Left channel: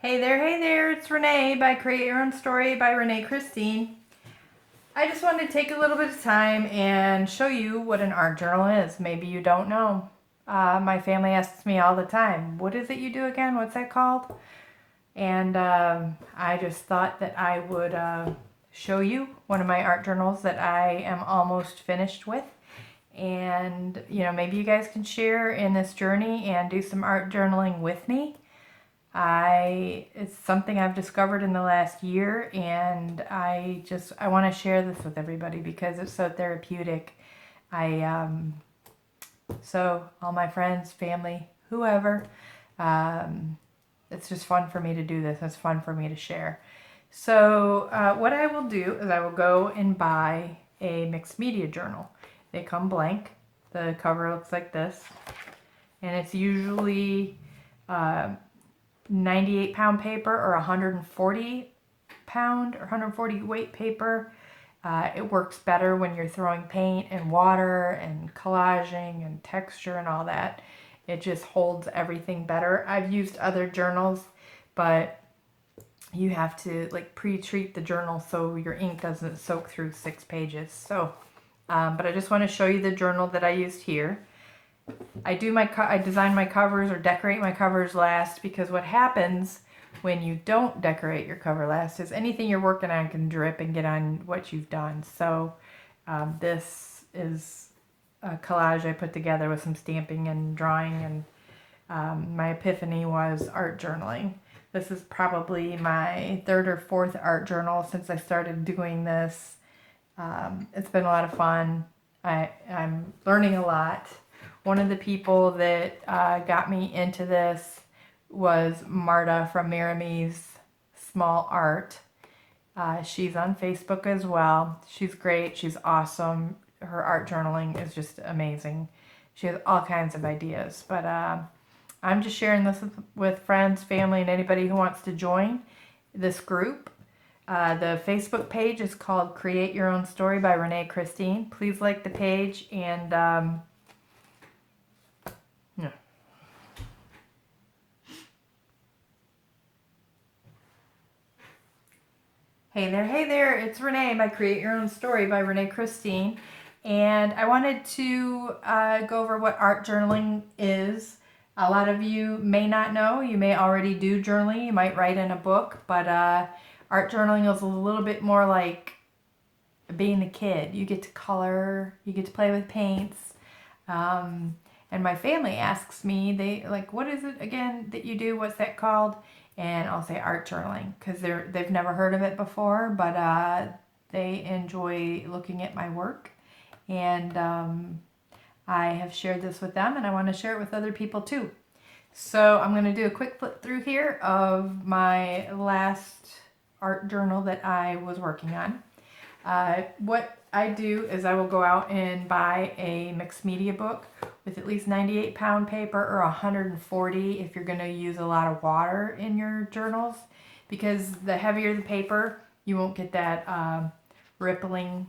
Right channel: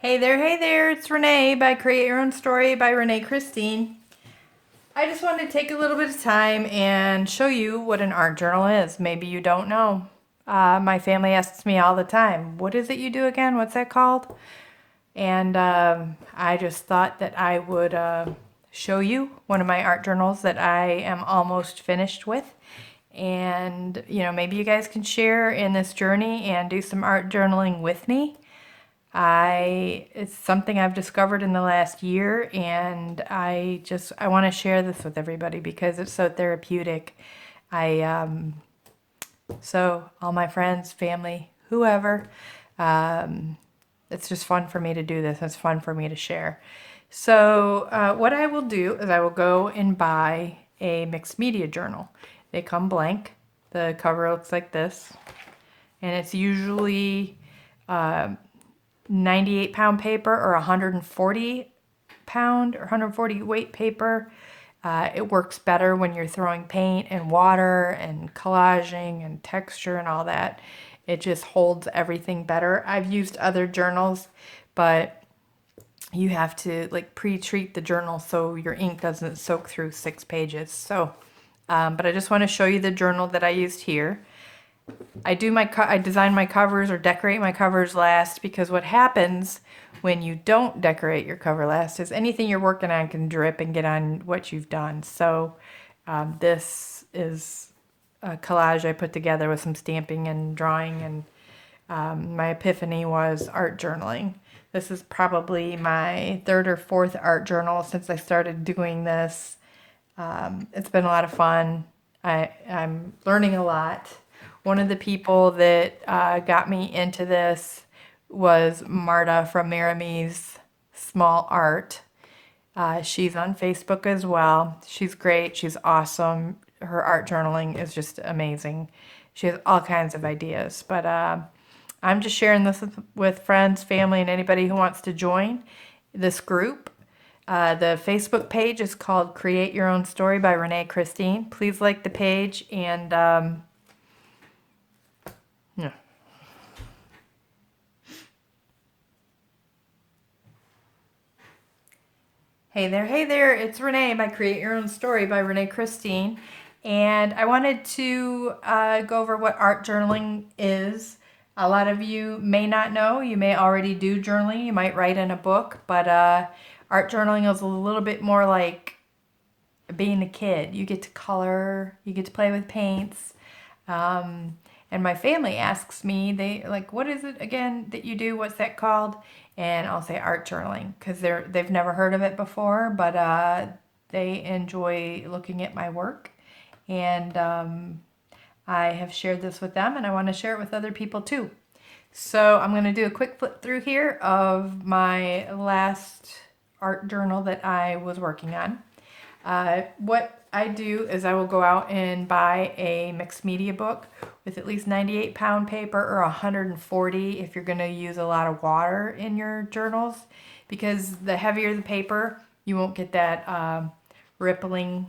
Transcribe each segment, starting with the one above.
Hey there, it's Renee by Create Your Own Story by Renee Christine. I just wanted to take a little bit of time and show you what an art journal is. Maybe you don't know. My family asks me all the time, what is it you do again? What's that called? And I just thought that I would show you one of my art journals that I am almost finished with. And, maybe you guys can share in this journey and do some art journaling with me. It's something I've discovered in the last year, and I want to share this with everybody because it's so therapeutic. I so all my friends, family, whoever, um, it's just fun for me to do this. It's fun for me to share. So what I will do is I will go and buy a mixed media journal. They come blank. The cover looks like this, and it's usually uh, 98-pound paper or 140-pound or 140 weight paper. It works better when you're throwing paint and water and collaging and texture and all that. It just holds everything better. I've used other journals, but you have to like pre-treat the journal so your ink doesn't soak through 6 pages. So, but I just want to show you the journal that I used here. I design my covers or decorate my covers last because what happens when you don't decorate your cover last is anything you're working on can drip and get on what you've done. So this is a collage I put together with some stamping and drawing, and my epiphany was art journaling. This is probably my third or fourth art journal since I started doing this. It's been a lot of fun. I'm learning a lot. One of the people that got me into this was Marta from Maramee's Small Art. She's on Facebook as well. She's great. She's awesome. Her art journaling is just amazing. She has all kinds of ideas. But I'm just sharing this with friends, family, and anybody who wants to join this group. The Facebook page is called Create Your Own Story by Renee Christine. Please like the page and yeah. Hey there, it's Renee by Create Your Own Story by Renee Christine. And I wanted to go over what art journaling is. A lot of you may not know, you may already do journaling, you might write in a book, but art journaling is a little bit more like being a kid. You get to color, you get to play with paints. Um, and my family asks me, they like, what is it again that you do? What's that called? And I'll say art journaling because they've never heard of it before, but they enjoy looking at my work. And I have shared this with them, and I want to share it with other people too. So I'm going to do a quick flip through here of my last art journal that I was working on. What I do is I will go out and buy a mixed media book with at least 98-pound paper or 140 if you're going to use a lot of water in your journals, because the heavier the paper, you won't get that rippling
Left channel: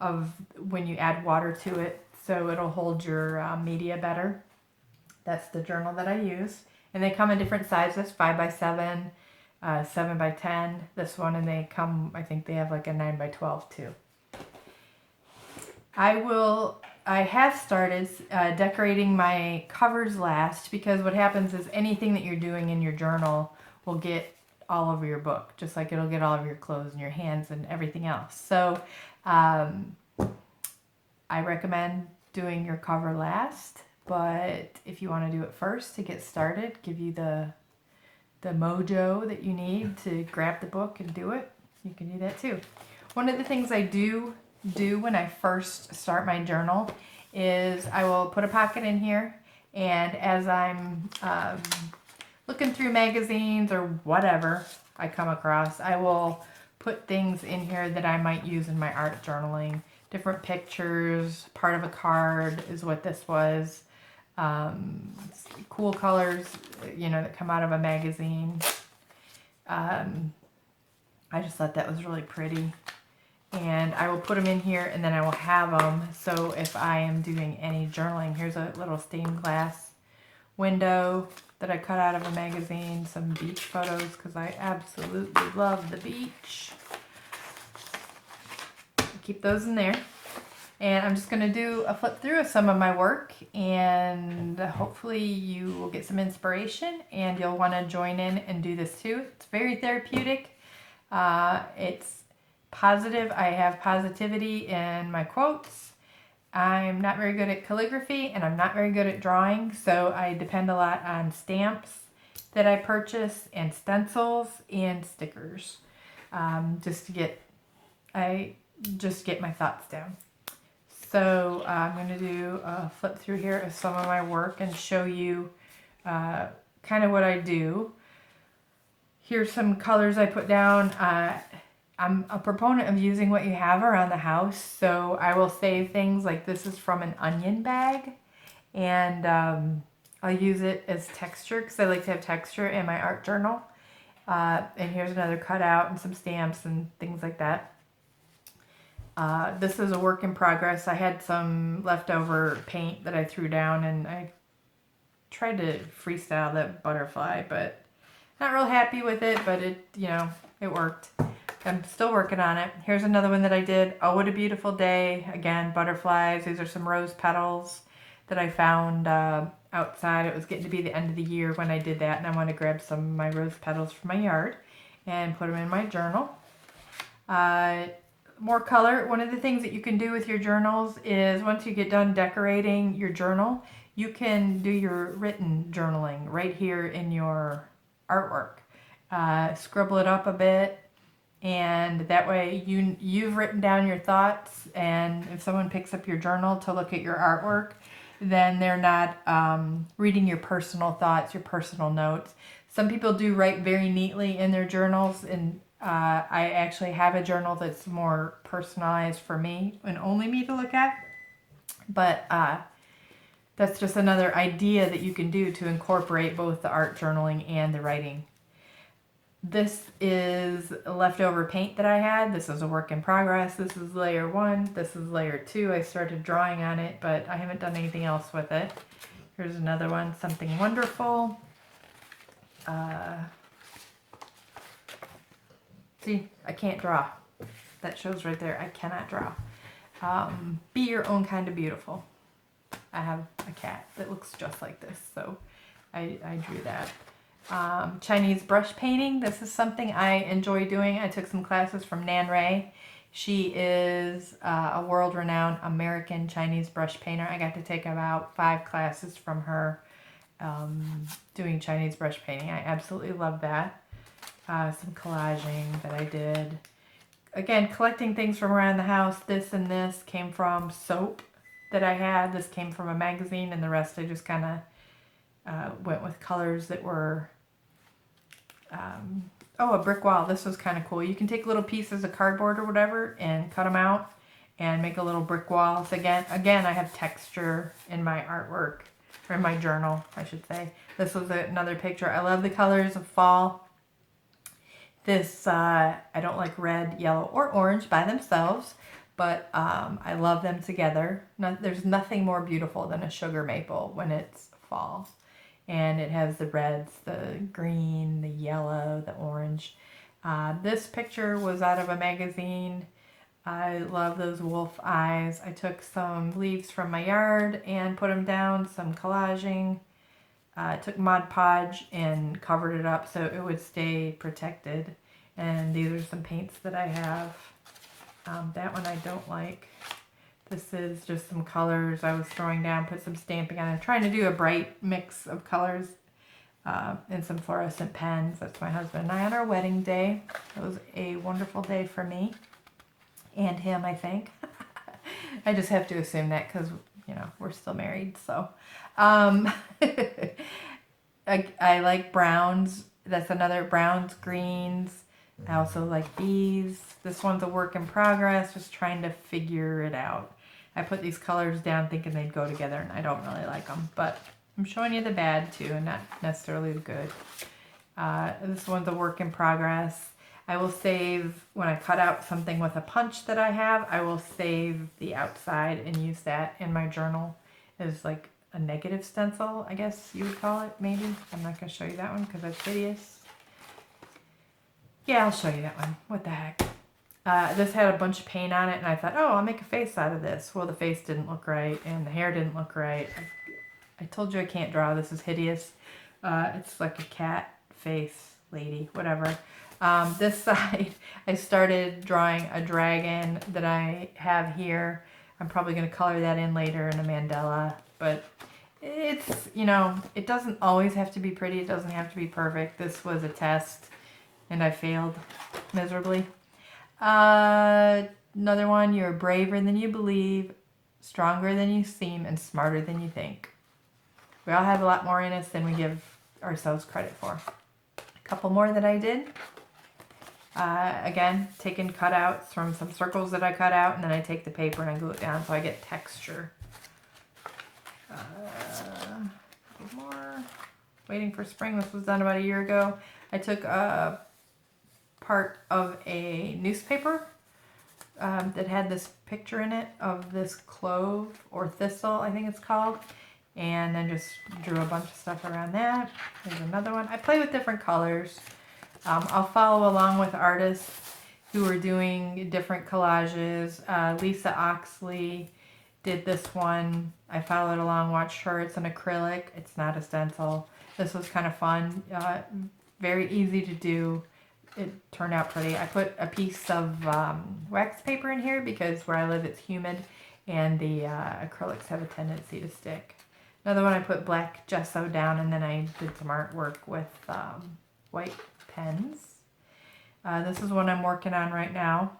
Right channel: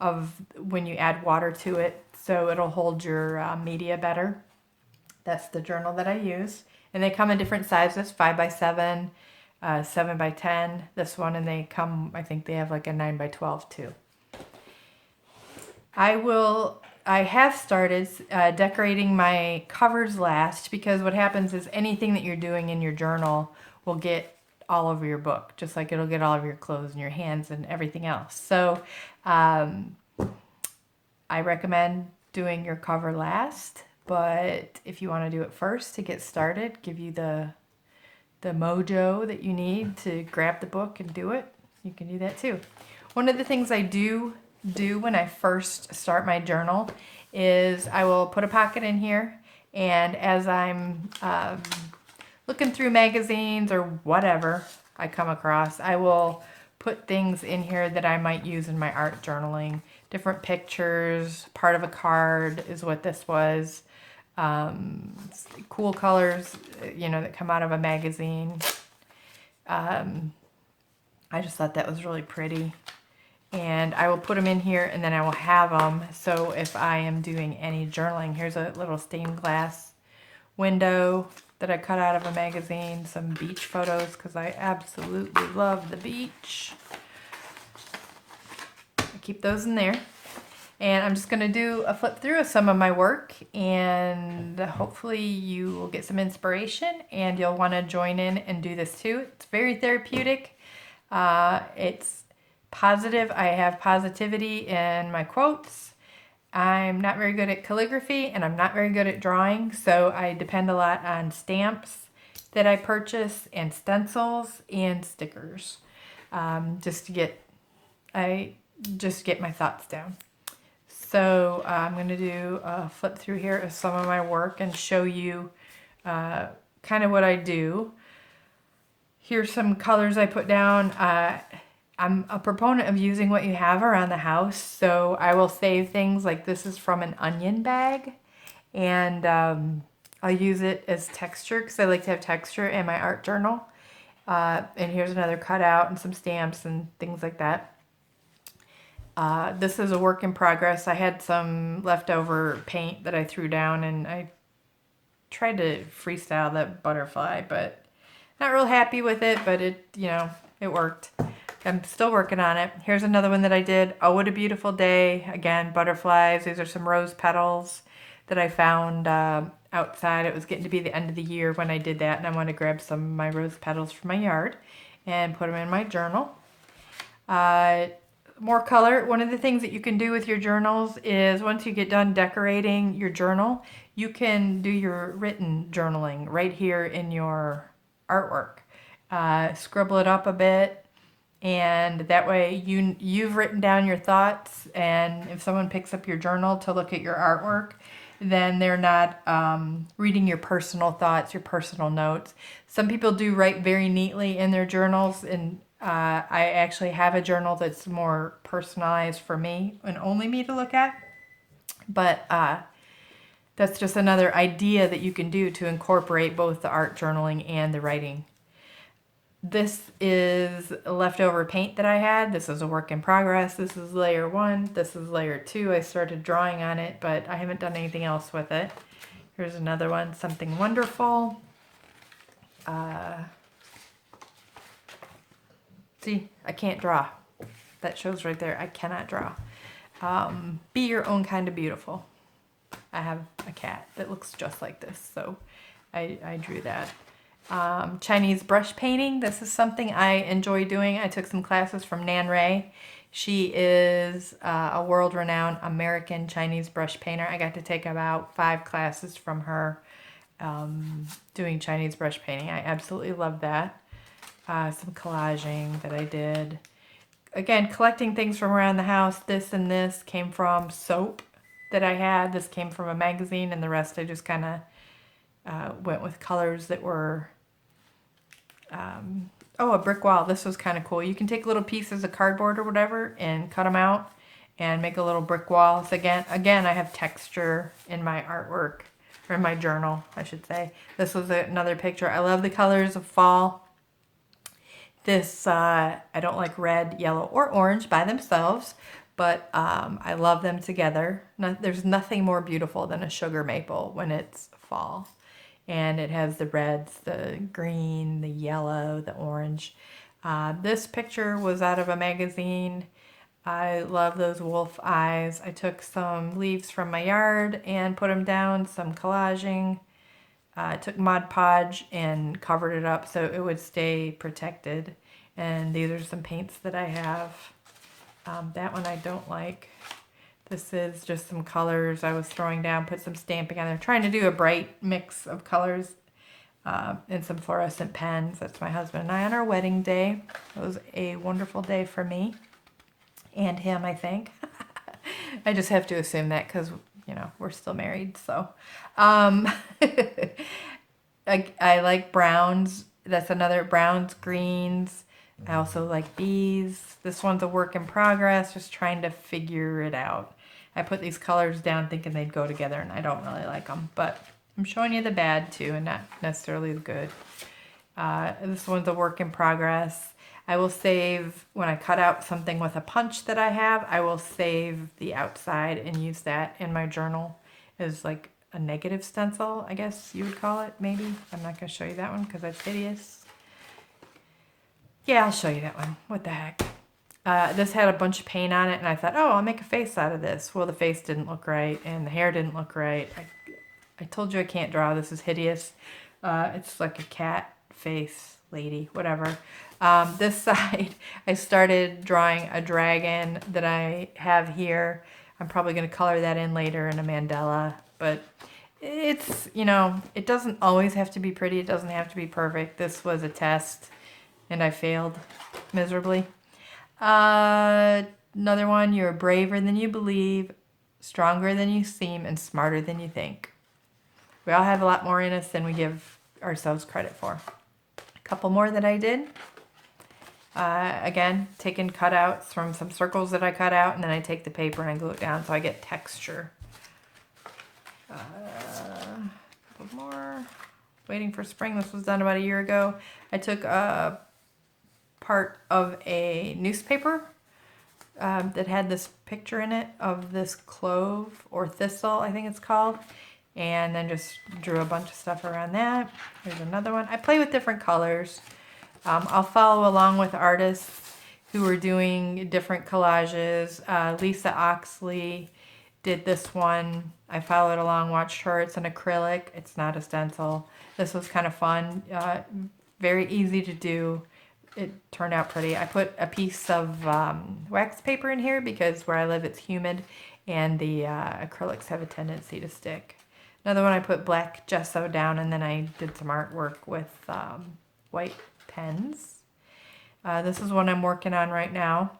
of when you add water to it, so it'll hold your media better. That's the journal that I use. And they come in different sizes, 5x7, 7x10, this one, and they come, I think they have like a 9x12 too. I have started decorating my covers last because what happens is anything that you're doing in your journal will get all over your book, just like it'll get all over your clothes and your hands and everything else. So I recommend doing your cover last, but if you want to do it first to get started, give you the mojo that you need to grab the book and do it, you can do that too. One of the things I do when I first start my journal is I will put a pocket in here, and as I'm looking through magazines or whatever I come across, I will put things in here that I might use in my art journaling. Different pictures, part of a card is what this was. Cool colors, that come out of a magazine. I just thought that was really pretty. And I will put them in here, and then I will have them. So if I am doing any journaling, here's a little stained glass window that I cut out of a magazine, some beach photos because I absolutely love the beach. Keep those in there. And I'm just going to do a flip through of some of my work, and hopefully you will get some inspiration and you'll want to join in and do this too. It's very therapeutic. It's positive. I have positivity in my quotes. I'm not very good at calligraphy and I'm not very good at drawing, so I depend a lot on stamps that I purchase and stencils and stickers, just to get my thoughts down. So I'm going to do a flip through here of some of my work and show you kind of what I do. Here's some colors I put down. I'm a proponent of using what you have around the house. So I will save things like this is from an onion bag. And I'll use it as texture because I like to have texture in my art journal. And here's another cutout and some stamps and things like that. This is a work in progress. I had some leftover paint that I threw down and I tried to freestyle that butterfly, but not real happy with it, but it worked. I'm still working on it. Here's another one that I did. Oh, what a beautiful day. Again, butterflies. These are some rose petals that I found outside. It was getting to be the end of the year when I did that, and I want to grab some of my rose petals from my yard and put them in my journal. More color. One of the things that you can do with your journals is once you get done decorating your journal, you can do your written journaling right here in your artwork. Scribble it up a bit, and that way you've written down your thoughts, and if someone picks up your journal to look at your artwork, then they're not reading your personal thoughts, your personal notes. Some people do write very neatly in their journals, and I actually have a journal that's more personalized for me and only me to look at. But that's just another idea that you can do to incorporate both the art journaling and the writing. This is leftover paint that I had. This is a work in progress. This is layer 1. This is layer 2. I started drawing on it, but I haven't done anything else with it. Here's another one, Something Wonderful. See, I can't draw. That shows right there. I cannot draw. Be your own kind of beautiful. I have a cat that looks just like this, so I drew that. Chinese brush painting. This is something I enjoy doing. I took some classes from Nan Ray. She is a world-renowned American Chinese brush painter. I got to take about 5 classes from her doing Chinese brush painting. I absolutely love that. Some collaging that I did. Again, collecting things from around the house. This and this came from soap that I had. This came from a magazine, and the rest I just kind of went with colors that were... a brick wall. This was kind of cool. You can take little pieces of cardboard or whatever and cut them out and make a little brick wall. So again, I have texture in my artwork, or in my journal, I should say. This was another picture. I love the colors of fall. This, I don't like red, yellow, or orange by themselves, but I love them together. There's nothing more beautiful than a sugar maple when it's fall. And it has the reds, the green, the yellow, the orange. This picture was out of a magazine. I love those wolf eyes. I took some leaves from my yard and put them down, some collaging. Took Mod Podge and covered it up so it would stay protected. And these are some paints that I have. That one I don't like. This is just some colors I was throwing down, put some stamping on there. Trying to do a bright mix of colors and some fluorescent pens. That's my husband and I on our wedding day. It was a wonderful day for me and him, I think. I just have to assume that because, we're still married. So I like browns. That's another browns, greens. I also like these. This one's a work in progress, just trying to figure it out. I put these colors down thinking they'd go together, and I don't really like them. But I'm showing you the bad, too, and not necessarily the good. This one's a work in progress. I will save, when I cut out something with a punch that I have, I will save the outside and use that in my journal as like a negative stencil, I guess you would call it, maybe. I'm not going to show you that one because that's hideous. Yeah, I'll show you that one. What the heck? This had a bunch of paint on it, and I thought, oh, I'll make a face out of this. Well, the face didn't look right, and the hair didn't look right. I told you I can't draw. This is hideous. It's like a cat face lady, whatever. This side, I started drawing a dragon that I have here. I'm probably going to color that in later in a mandala, but it's, you know, it doesn't always have to be pretty. It doesn't have to be perfect. This was a test, and I failed miserably. Another one, you're braver than you believe, stronger than you seem, and smarter than you think. We all have a lot more in us than we give ourselves credit for. A couple more that I did. Again, taking cutouts from some circles that I cut out, and then I take the paper and I glue it down so I get texture. More. Waiting for spring. This was done about a year ago. I took a part of a newspaper that had this picture in it of this clove or thistle, I think it's called, and then just drew a bunch of stuff around that. Here's another one. I play with different colors. I'll follow along with artists who are doing different collages. Lisa Oxley did this one. I followed along, watched her. It's an acrylic. It's not a stencil. This was kind of fun. Very easy to do. It turned out pretty. I put a piece of wax paper in here because where I live it's humid and the acrylics have a tendency to stick. Another one, I put black gesso down and then I did some artwork with white pens. This is one I'm working on right now.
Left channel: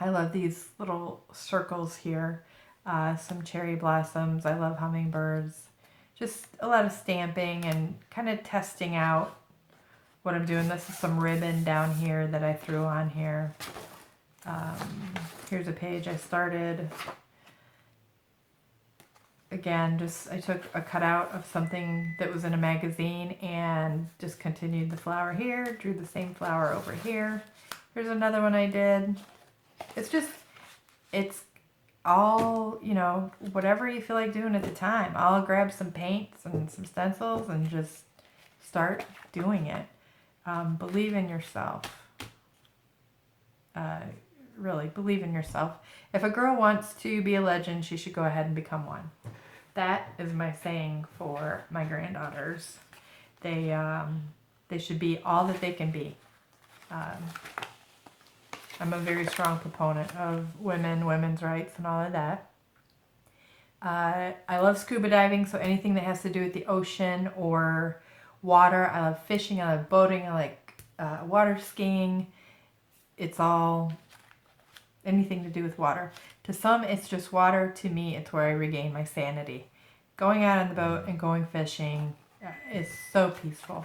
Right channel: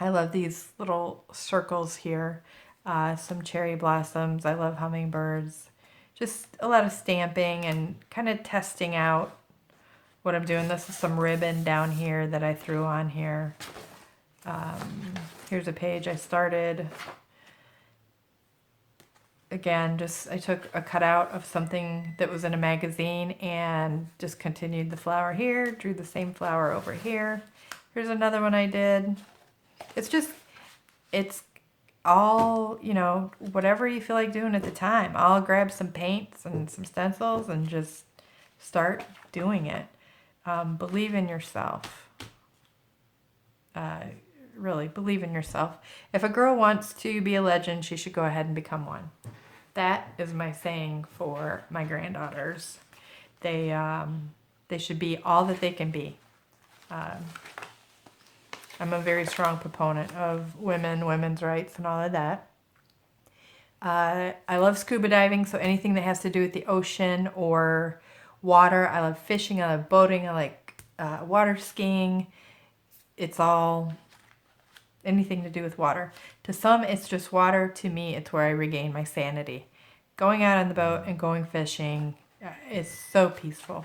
I love these little circles here. Some cherry blossoms. I love hummingbirds. Just a lot of stamping and kind of testing out what I'm doing. This is some ribbon down here that I threw on here. Here's a page I started. Again, I took a cutout of something that was in a magazine and just continued the flower here, drew the same flower over here. Here's another one I did. It's all, you know, whatever you feel like doing at the time. I'll grab some paints and some stencils and just start doing it. Believe in yourself. Really, believe in yourself. If a girl wants to be a legend, she should go ahead and become one. That is my saying for my granddaughters. They should be all that they can be. I'm a very strong proponent of women's rights and all of that. I love scuba diving, so anything that has to do with the ocean or water. I love fishing, I love boating, I like water skiing. It's all anything to do with water. To some, it's just water. To me, it's where I regain my sanity. Going out on the boat and going fishing is so peaceful.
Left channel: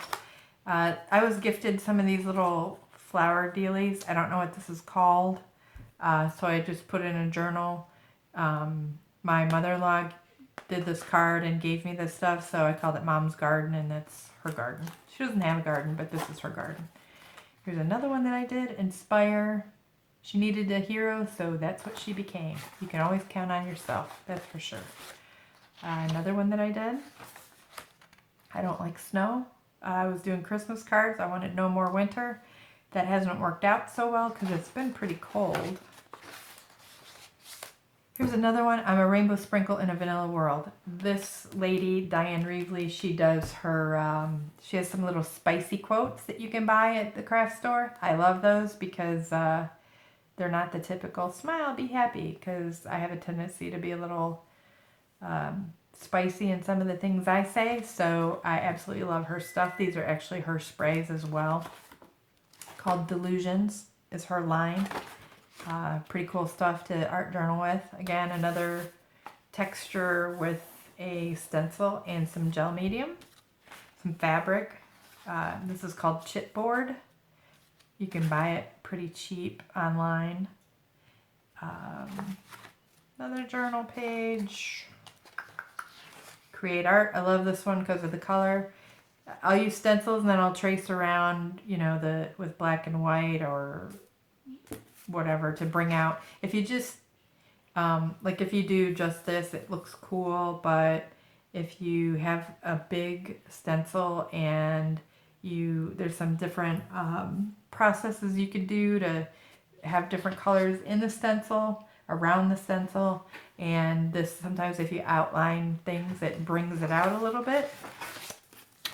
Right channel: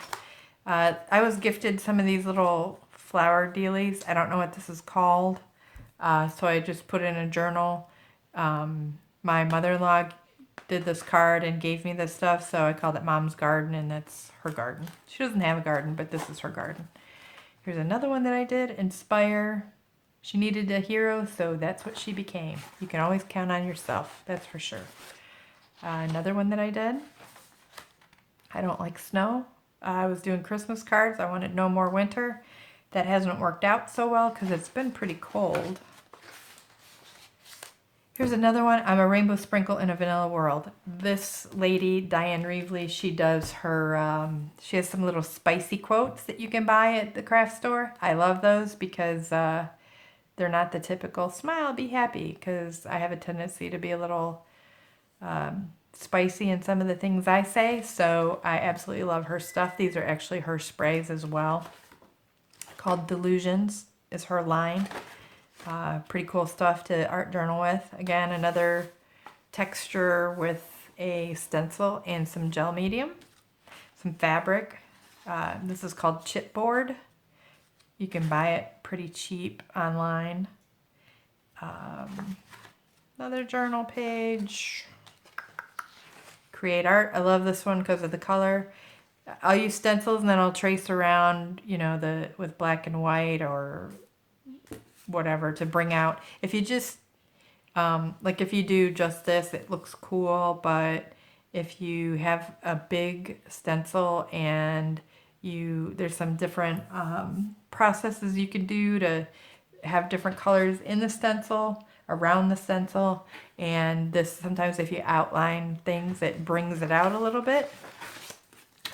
I was gifted some of these little flower dealies. I don't know what this is called. So I just put it in a journal. My mother-in-law did this card and gave me this stuff, so I called it Mom's Garden, and that's her garden. She doesn't have a garden, but this is her garden. Here's another one that I did, Inspire. She needed a hero, so that's what she became. You can always count on yourself, that's for sure. Another one that I did, I don't like snow. I was doing Christmas cards. I wanted no more winter. That hasn't worked out so well because it's been pretty cold. Here's another one. I'm a rainbow sprinkle in a vanilla world. This lady, Diane Reevely, she does her, she has some little spicy quotes that you can buy at the craft store. I love those because they're not the typical smile, be happy, because I have a tendency to be a little spicy in some of the things I say. So I absolutely love her stuff. These are actually her sprays as well. Called Delusions is her line. Pretty cool stuff to art journal with. Again, another texture with a stencil and some gel medium, some fabric. This is called chipboard. You can buy it pretty cheap online. Another journal page. Create art. I love this one because of the color. I'll use stencils and then I'll trace around, you know, with black and white or whatever to bring out. If you just, like if you do just this, it looks cool, but if you have a big stencil and there's some different processes you can do to have different colors in the stencil, around the stencil, and this sometimes if you outline things it brings it out a little bit.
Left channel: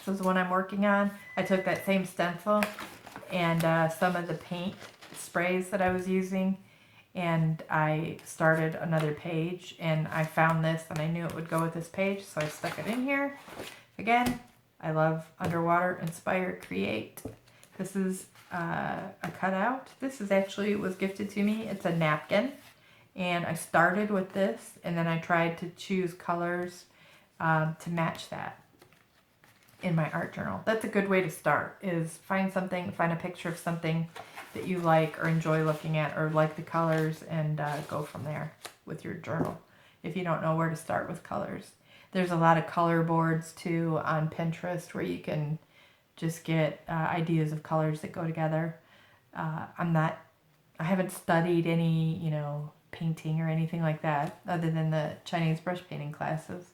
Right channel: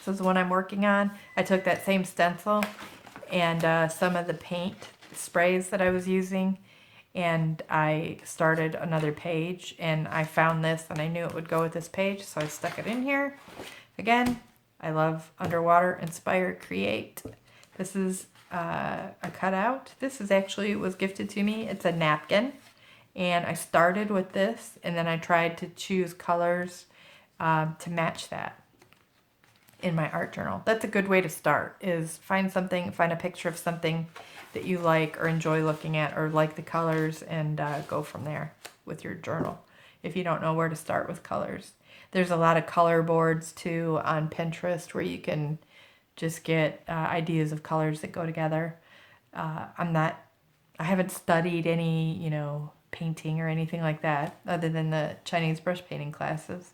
So this is what I'm working on. I took that same stencil and some of the paint sprays that I was using, and I started another page, and I found this and I knew it would go with this page, so I stuck it in here. Again, I love Underwater Inspire Create. This is a cutout. This is actually, it was gifted to me. It's a napkin, and I started with this, and then I tried to choose colors to match that in my art journal. That's a good way to start, is find a picture of something that you like or enjoy looking at or like the colors, and go from there with your journal if you don't know where to start with colors. There's a lot of color boards too on Pinterest where you can just get ideas of colors that go together. I haven't studied any, painting or anything like that other than the Chinese brush painting classes.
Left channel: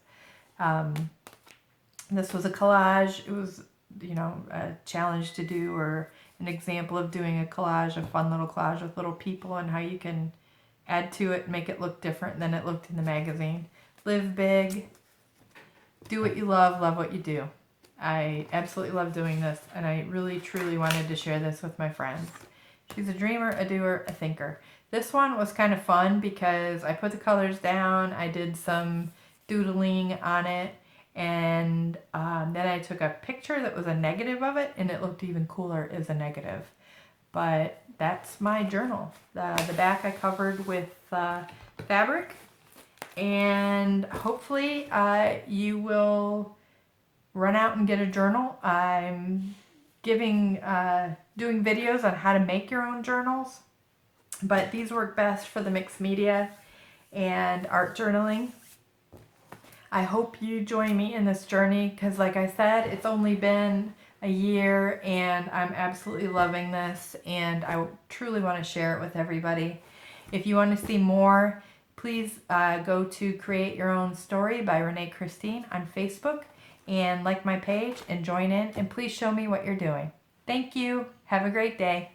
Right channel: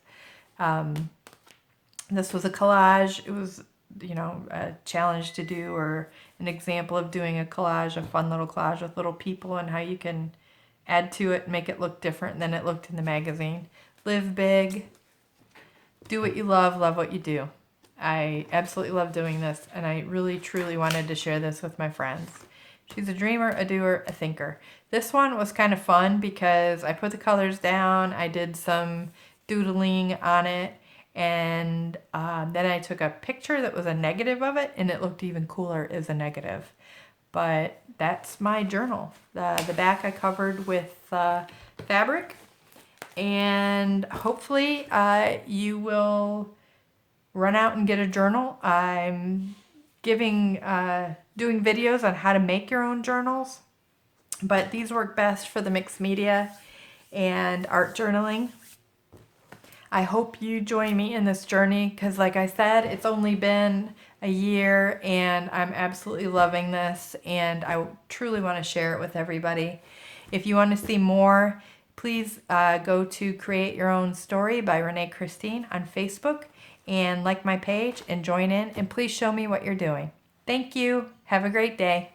This was a collage. It was, a challenge to do, or an example of doing a collage, a fun little collage with little people and how you can add to it and make it look different than it looked in the magazine. Live big, do what you love what you do. I absolutely love doing this, and I really truly wanted to share this with my friends. She's a dreamer, a doer, a thinker. This one was kind of fun because I put the colors down, I did some doodling on it, and then I took a picture that was a negative of it, and it looked even cooler as a negative. But that's my journal. The back I covered with fabric, and hopefully you will run out and get a journal. I'm doing videos on how to make your own journals, but these work best for the mixed media and art journaling. I hope you join me in this journey because, like I said, it's only been a year and I'm absolutely loving this, and I truly want to share it with everybody. If you want to see more, please go to Create Your Own Story by Renee Christine on Facebook and like my page and join in, and please show me what you're doing. Thank you. Have a great day.